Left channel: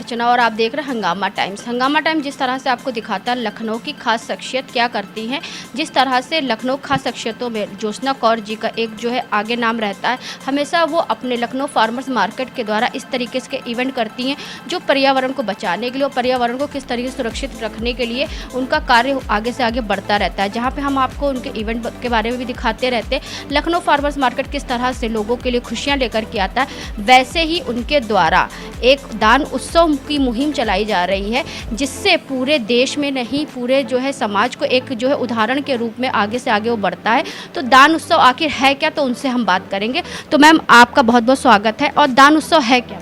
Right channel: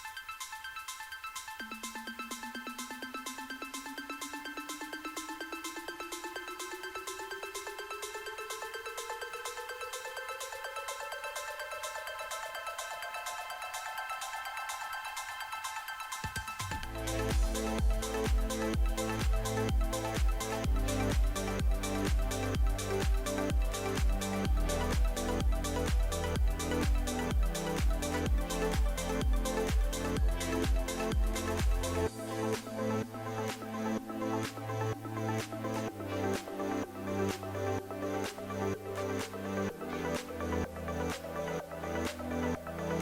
अर्चना और आप देख रहे हैं हंगामा टाइम्स। हंगामा टाइम्स जिस तरह से आपको दिखाता है लखनऊ की खास शख्सियत क्या करती हैं, जिस तरह से लखनऊ खास शख्सियतों में ज्योत्सना कौर जी का एक जो है आगे नाम रहता है। हमेशा वो अपने लखनऊ फार्मर्स मार्केट के द्वारा इस तरीके से इवेंट करती हैं जो पर्यावरण को बचाने के लिए और पर्यावरण को किस तरीके से सुरक्षित रखने के लिए उनका कार्य आगे से आगे बढ़ता रहता है, जहाँ पे हम आपको उनके इवेंट के बारे में भी दिखाते रहते हैं। लखनऊ फार्मर्स मार्केट किस तरह से लोगों के लिए खुशियाँ लेकर के आता है, वैसे ही उनके द्वारा एक दान उत्सव की मुहिम चलाई जा रही है, जिससे पूरे देश में नहीं पूरे जो है समाज को एक जो है उदाहरण के रूप में आगे से आगे वो बढ़ता है। तो दान उत्सव आखिर है क्या, तो उनसे हम बात करेंगे। तो मैम आपका बहुत बहुत स्वागत है। और दान उत्सव है क्या?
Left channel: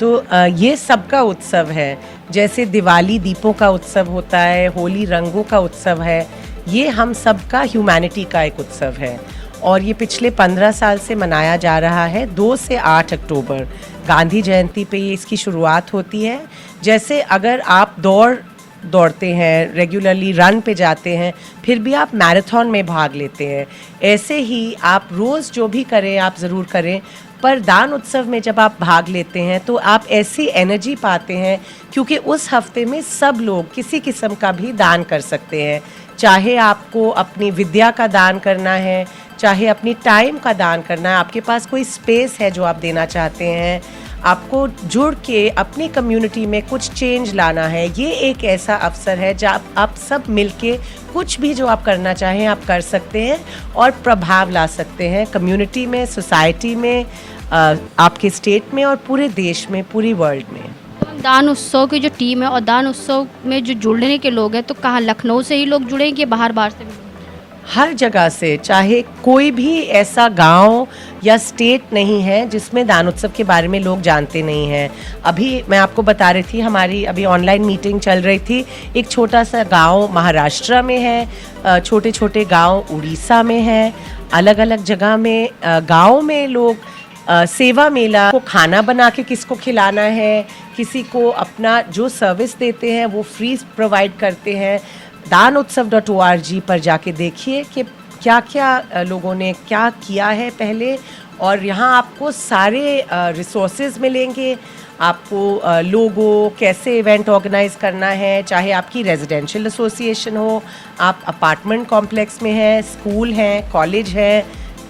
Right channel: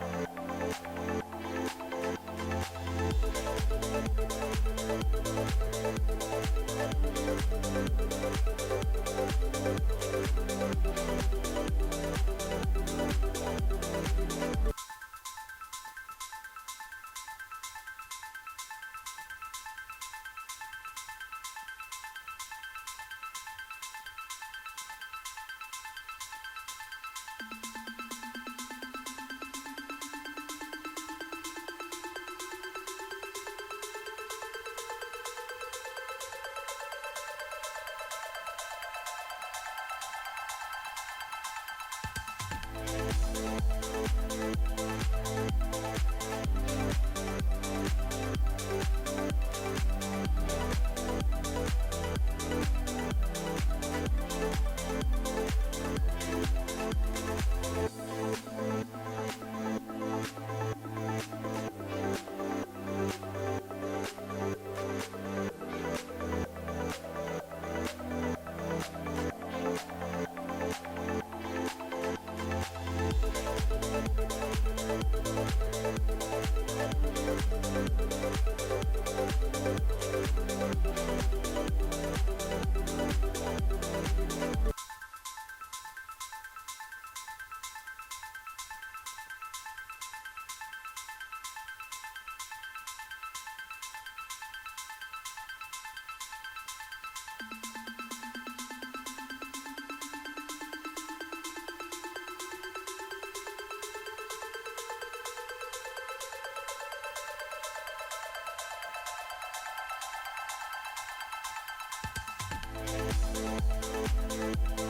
तो ये सबका उत्सव है। जैसे दिवाली दीपों का उत्सव होता है, होली रंगों का उत्सव है, ये हम सबका ह्यूमैनिटी का एक उत्सव है और ये पिछले 15 साल से मनाया जा रहा है। 2 से 8 अक्टूबर गांधी जयंती पे ये इसकी शुरुआत होती है। जैसे अगर आप दौड़ते हैं, रेगुलरली रन पे जाते हैं, फिर भी आप मैराथन में भाग लेते हैं, ऐसे ही आप रोज़ जो भी करें आप ज़रूर करें, पर दान उत्सव में जब आप भाग लेते हैं तो आप ऐसी एनर्जी पाते हैं, क्योंकि उस हफ्ते में सब लोग किसी किस्म का भी दान कर सकते हैं। चाहे आपको अपनी विद्या का दान करना है, चाहे अपनी टाइम का दान करना है, आपके पास कोई स्पेस है जो आप देना चाहते हैं, आपको जुड़ के अपनी कम्युनिटी में कुछ चेंज लाना है, ये एक ऐसा अवसर है जहाँ आप सब मिलके कुछ भी जो आप करना चाहें आप कर सकते हैं और प्रभाव ला सकते हैं कम्युनिटी में, सोसाइटी में, आपके स्टेट में और पूरे देश में, पूरी वर्ल्ड में। दान उत्सव की जो टीम है और दान उत्सव में जो जुड़ने के लोग हैं, तो कहाँ लखनऊ से ही लोग जुड़ेंगे, बाहर बाहर से? हर जगह से, चाहे कोई भी ऐसा गांव या स्टेट नहीं है जिसमें दान उत्सव के बारे में लोग जानते नहीं हैं। अभी मैं आपको बता रही थी, हमारी अभी ऑनलाइन मीटिंग चल रही थी, एक छोटा सा गांव महाराष्ट्र में है, छोटे छोटे गांव उड़ीसा में है, अलग अलग जगह में गांव में लोग सेवा मेला को खाना बना के किसको खिलाना है, किसी को अपना जो सर्विस देते हैं वो फ्री प्रोवाइड करते हैं। danutsav.org पर जाके देखिए कि क्या क्या लोगों ने क्या किया है पहले, और यहाँ आपको सारे रिसोर्सेज मिलेंगे, आपको लोगो कैसे इवेंट ऑर्गेनाइज करना है, चाहे आपकी रेजिडेंशियल एसोसिएशन हो, आप अपार्टमेंट कॉम्प्लेक्स में है, स्कूल है, कॉलेज है,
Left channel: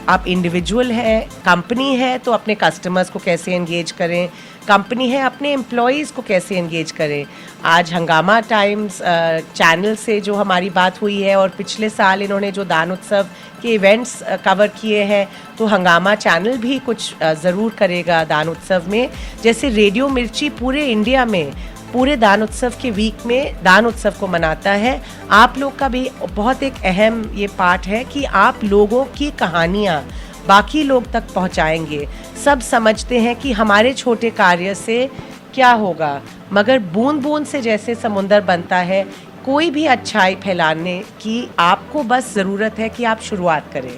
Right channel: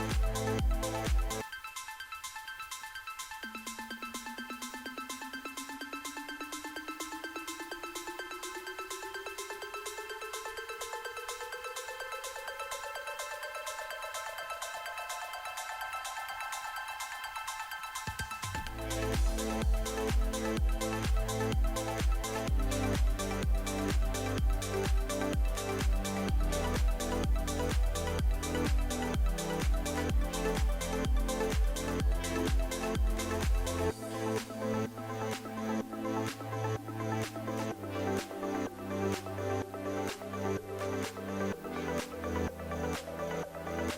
आप इंडिविजुअल है, कंपनी है तो अपने कस्टमर्स को कैसे एंगेज करें, कंपनी है अपने एम्प्लॉयज़ को कैसे एंगेज करें। आज हंगामा टाइम्स चैनल से जो हमारी बात हुई है और पिछले साल इन्होंने जो दान उत्सव के इवेंट्स कवर किए हैं, तो हंगामा चैनल भी कुछ ज़रूर करेगा दान उत्सव में। जैसे रेडियो मिर्ची पूरे इंडिया में पूरे दान उत्सव के वीक में दान उत्सव को मनाता है। आप लोग का भी बहुत एक अहम ये पार्ट है कि आप लोगों की कहानियाँ बाकी लोग तक पहुँचाएंगे। सब समझते हैं कि हमारे छोटे कार्य से क्या होगा, मगर बूंद बूंद से जैसे समुंदर बनता है, कोई भी अच्छाई फैलाने की आपको बस ज़रूरत है कि आप शुरुआत करें।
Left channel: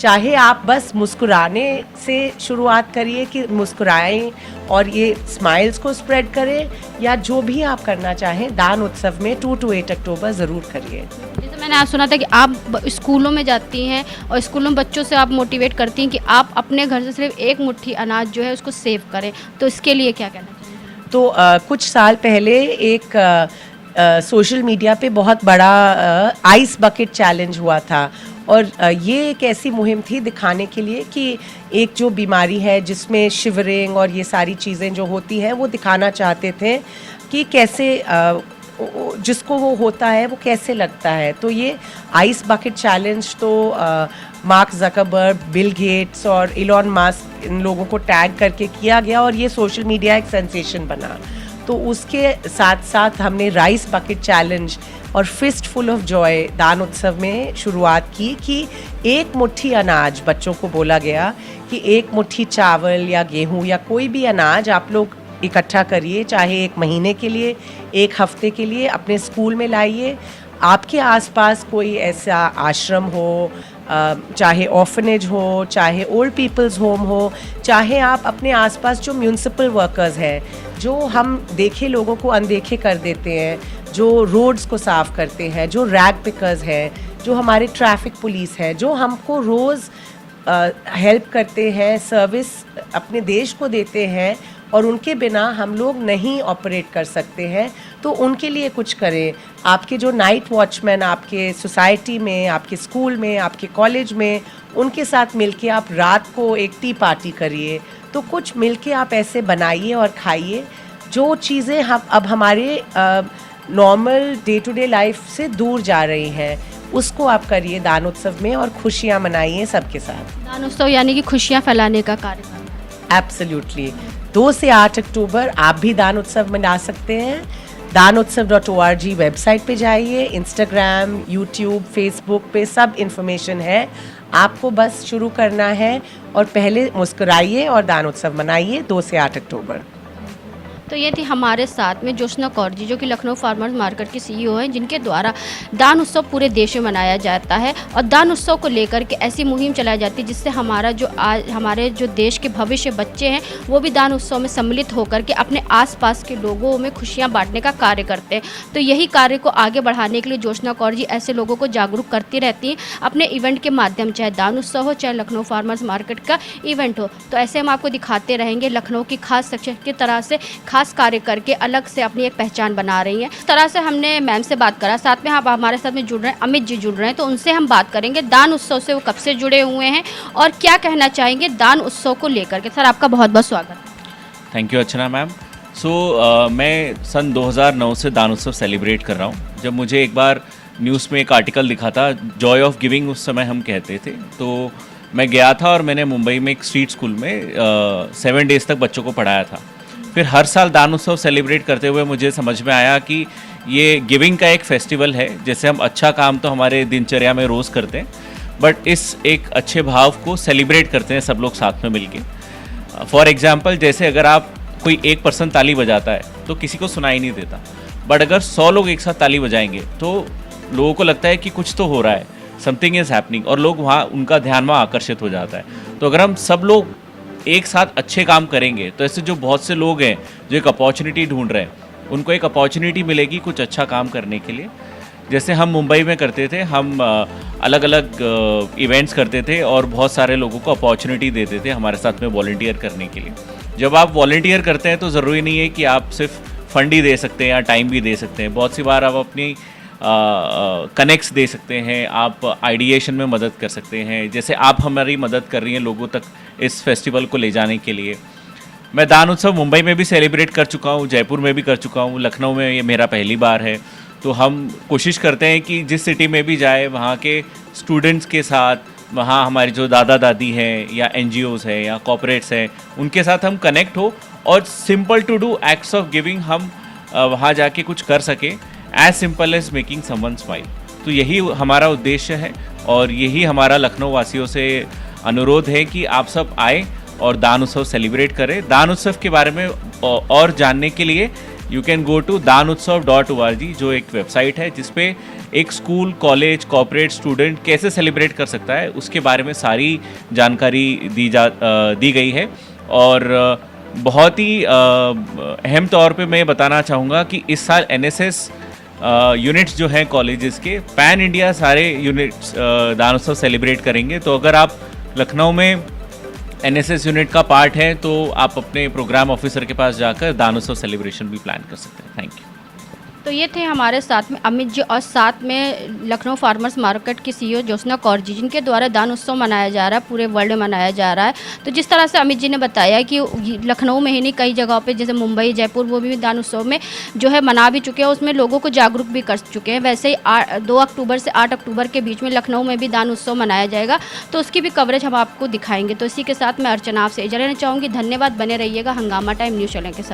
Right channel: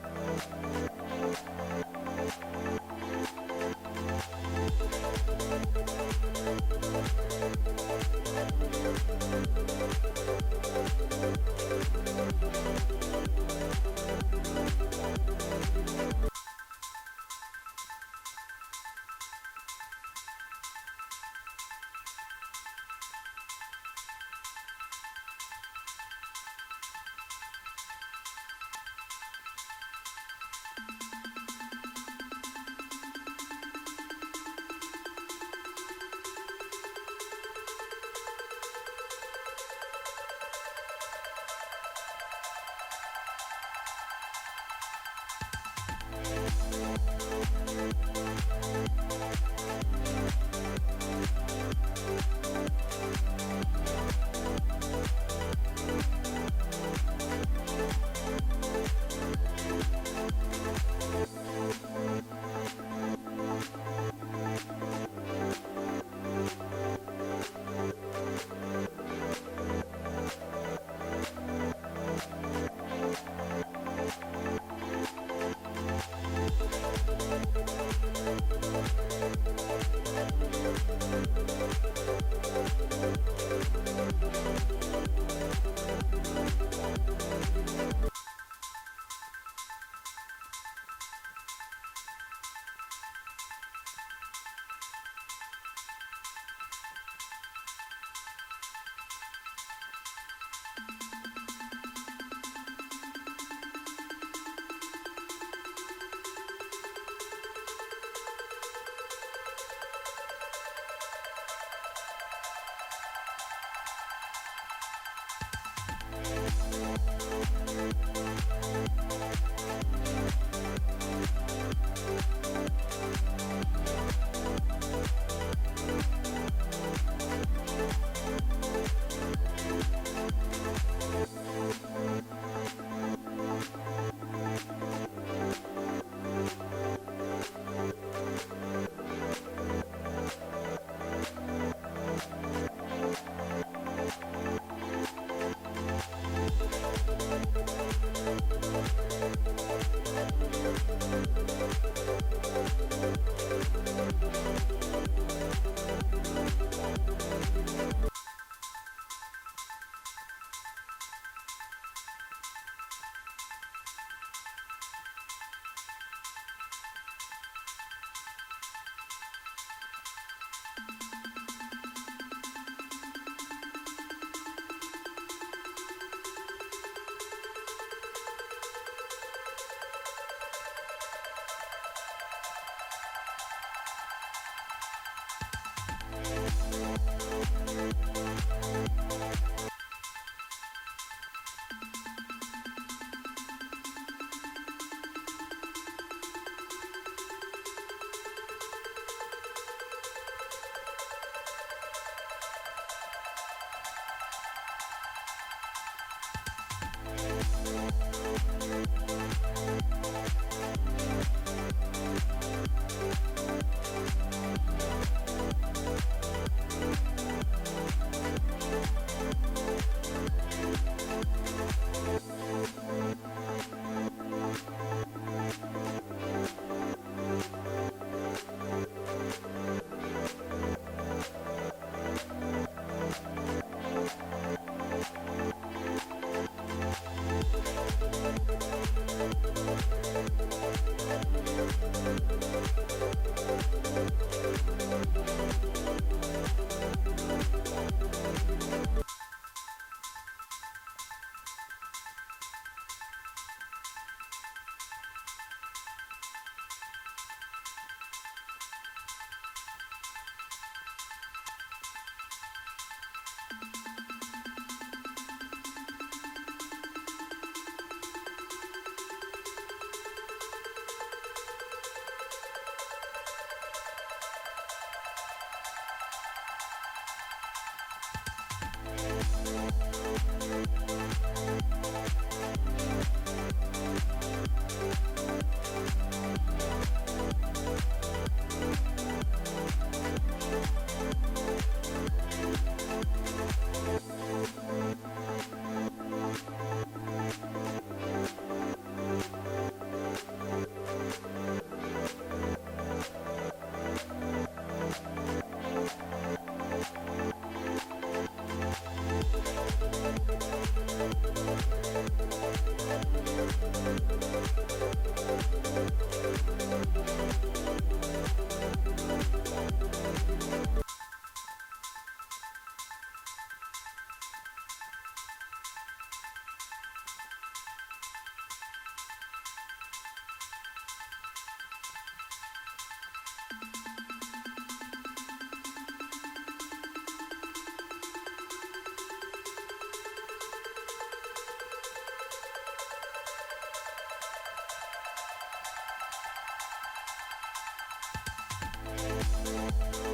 चाहे आप बस मुस्कुराने से शुरुआत करिए कि मुस्कुराएं और ये स्माइल्स को स्प्रेड करें, या जो भी आप करना चाहें दान उत्सव में 2 to 8 अक्टूबर ज़रूर करिए। जैसे मैंने आज सुना था कि आप स्कूलों में जाती हैं और स्कूलों में बच्चों से आप मोटिवेट करती हैं कि आप अपने घर से सिर्फ एक मुट्ठी अनाज जो है उसको सेव करें, तो इसके लिए क्या कहना चाहिए? तो कुछ साल पहले एक सोशल मीडिया पे बहुत बड़ा आइस बकेट चैलेंज हुआ था, और ये एक ऐसी मुहिम थी दिखाने के लिए कि एक जो बीमारी है जिसमें शिवरिंग और ये सारी चीज़ें जो होती हैं, वो दिखाना चाहते थे कि कैसे जिसको वो होता है वो कैसे लगता है। तो ये आइस बकेट चैलेंज तो मार्क ज़करबर्ग, बिल गेट्स और इलॉन मस्क, इन लोगों को टैग करके किया गया और ये सोशल मीडिया एक सेंसेशन बना। तो उसके साथ साथ हमने राइस बकेट चैलेंज और फिस्ट फुल ऑफ जॉय दान उत्सव में शुरुआत की कि एक मुट्ठी अनाज, बच्चों को बोला गया कि एक मुट्ठी चावल या गेहूं या कोई भी अनाज आप लोग इकट्ठा करिए, चाहे 1 महीने के लिए, 1 हफ्ते के लिए अपने स्कूल में लाइए। आपके आसपास कोई ऐसा आश्रम हो, चाहे ऑर्फनेज हो, चाहे ओल्ड पीपल्स होम हो, चाहे आप अपने आसपास जो म्यूनिसिपल वर्कर्स हैं, जो हम देखे लोगों को अनदेखे कर देते हैं, जो रोड्स को साफ़ करते हैं, जो रैग पिकर्स हैं, जो हमारे ट्रैफिक पुलिस है, जो हमको रोज़ हेल्प करते हैं, सर्विस अपने देश को देते हैं और उनके बिना हम लोग नहीं ऑपरेट कर सकते हैं, तो उनके लिए कुछ करें। आपके जो नाइट वॉचमैन आपके सोसाइटी में, आपके स्कूल में, आपके कॉलेज में, उनके साथ मिलके आप रात को एक टी पार्टी करिए। तो कुछ मिलके आप ऐसे बनाइए और खाइए जो चीज़ें हम अब हमारे normal day to day life से दूर जा रही हैं, उसको आप करिए दान उत्सव में और खुशियाँ मनाइए सबके साथ। दान उत्सव यानी कि खुशियाँ फैलाने का कार्यक्रम। एब्सोल्युटली 2 से 8 अक्टूबर आप भी दान उत्सव मना सकते हैं। danutsav.org वेबसाइट पे जाइए, इंस्टाग्राम, यूट्यूब, फेसबुक पे सब इन्फॉर्मेशन है। आपको बस शुरू करना है और पहले मुस्कुराइए और दान उत्सव मनाइए 2 से 8 अक्टूबर। तो ये थी हमारे साथ में ज्योत्सना कौर जी, जो कि लखनऊ फार्मर्स मार्केट की सीईओ हैं, जिनके द्वारा दान उत्सव पूरे देश में मनाया जाता है और दान उत्सव को लेकर के ऐसी मुहिम चलाई जाती है जिससे हमारा जो आज हमारे जो देश के भविष्य बच्चे हैं वो भी दान उत्सव में सम्मिलित होकर के अपने आसपास के लोगों में खुशियाँ बांटने का कार्य करते हैं। तो यही कार्य को आगे बढ़ाने के लिए ज्योत्सना कौर जी ऐसे लोगों को जागरूक करती रहती हैं अपने इवेंट के माध्यम, चाहे दान उत्सव हो, चाहे लखनऊ फार्मर्स मार्केट का इवेंट हो। तो ऐसे हम आपको दिखाते रहेंगे लखनऊ की खास शख्सियत की तरह से खास कार्य करके अलग से अपनी एक पहचान बना रही हैं। इस तरह से हमने मैम से बात करा, साथ में आप हमारे साथ में जुड़ रहे हैं अमित जी जुड़ रहे हैं, तो उनसे हम बात करेंगे दान उत्सव से वो कब से जुड़े हुए हैं और क्या कहना चाहेंगे दान उत्सव को लेकर के। सर, आपका बहुत बहुत स्वागत है। Thank you Archana ma'am. मैं सन 2009 से दान उत्सव सेलिब्रेट कर रहा हूँ। जब मुझे एक बार न्यूज़ में एक आर्टिकल दिखा था, जॉय ऑफ गिविंग उस समय हम कहते थे, तो मैं गया था और मैंने मुंबई में एक स्ट्रीट स्कूल में 7 डेज़ तक बच्चों को पढ़ाया था। फिर हर साल दान उत्सव सेलिब्रेट करते हुए मुझे समझ में आया कि ये गिविंग का एक फेस्टिवल है। जैसे हम अच्छा काम तो हमारे दिनचर्या में रोज़ करते हैं, बट इस एक अच्छे भाव को सेलिब्रेट करते हैं सब लोग साथ में मिलके। फॉर एग्जांपल, जैसे अगर आप कोई एक पर्सन ताली बजाता है तो किसी को सुनाई नहीं देता, बट अगर 100 लोग एक साथ ताली बजाएंगे तो लोगों को लगता है कि कुछ तो हो रहा है, समथिंग इज़ हैपनिंग, और लोग वहाँ उनका ध्यान वहाँ आकर्षित हो जाता है। तो अगर हम सब लोग एक साथ अच्छे काम करेंगे तो ऐसे जो बहुत से लोग हैं जो एक अपॉर्चुनिटी ढूंढ रहे हैं, उनको एक अपॉर्चुनिटी मिलेगी कुछ अच्छा काम करने के लिए। जैसे हम मुंबई में करते थे, हम अलग अलग इवेंट्स करते थे और बहुत सारे लोगों को अपॉर्चुनिटी देते थे हमारे साथ में वॉलंटियर करने के लिए। जब आप वॉलंटियर करते हैं तो ज़रूरी नहीं है कि आप सिर्फ फंड ही दे सकते हैं या टाइम भी दे सकते हैं। बहुत सी बार आप अपनी कनेक्ट्स दे सकते हैं, आप आइडिएशन में मदद कर सकते हैं, जैसे आप हमारी मदद कर रही हैं लोगों तक इस फेस्टिवल को ले जाने के लिए। मैं दान उत्सव मुंबई में भी सेलिब्रेट कर चुका हूँ, जयपुर में भी कर चुका हूँ, लखनऊ में ये मेरा पहली बार है। तो हम कोशिश करते हैं कि जिस सिटी में भी जाए वहाँ के स्टूडेंट्स के साथ, वहाँ हमारे जो दादा दादी हैं या NGOs हैं या कॉर्पोरेट्स हैं, उनके साथ हम कनेक्ट हो और simple to do acts of giving हम वहाँ जाके कुछ कर सकें, as simple as making someone smile. तो यही हमारा उद्देश्य है और यही हमारा लखनऊ वासियों से अनुरोध है कि आप सब आए और दान उत्सव सेलिब्रेट करें। दान उत्सव के बारे में और जानने के लिए you can go to danutsav.org, जो एक वेबसाइट है जिसपे एक स्कूल, कॉलेज, कॉर्पोरेट, स्टूडेंट कैसे सेलिब्रेट कर सकता है उसके बारे में सारी जानकारी दी गई है। और बहुत ही अहम तौर पे मैं बताना चाहूँगा कि इस साल NSS यूनिट्स जो हैं कॉलेजेस के, पैन इंडिया सारे यूनिट्स दान उत्सव सेलिब्रेट करेंगे। तो अगर आप लखनऊ में NSS यूनिट का पार्ट है तो आप अपने प्रोग्राम ऑफिसर के पास जाकर दान उत्सव सेलिब्रेशन भी प्लान कर सकते हैं। Thank you. तो ये थे हमारे साथ में अमित जी और साथ में लखनऊ फार्मर्स मार्केट की सीईओ ज्योत्सना कौर जी, जिनके द्वारा दान उत्सव मनाया जा रहा है, पूरे वर्ल्ड में मनाया जा रहा है। तो जिस तरह से अमित जी ने बताया कि लखनऊ में ही नहीं, कई जगहों पे जैसे मुंबई, जयपुर, वो भी दान उत्सव में जो है मना भी चुके हैं, उसमें लोगों को जागरूक भी कर चुके हैं। वैसे ही 2 अक्टूबर से 8 अक्टूबर के बीच में लखनऊ में भी दान उत्सव मनाया जाएगा, तो उसकी भी कवरेज हम आपको दिखाएंगे। तो इसी के साथ मैं अर्चना आपसे इजाज़त लेना चाहूँगी। धन्यवाद, बने रहिएगा हंगामा टाइम न्यूज़ चैनल के साथ।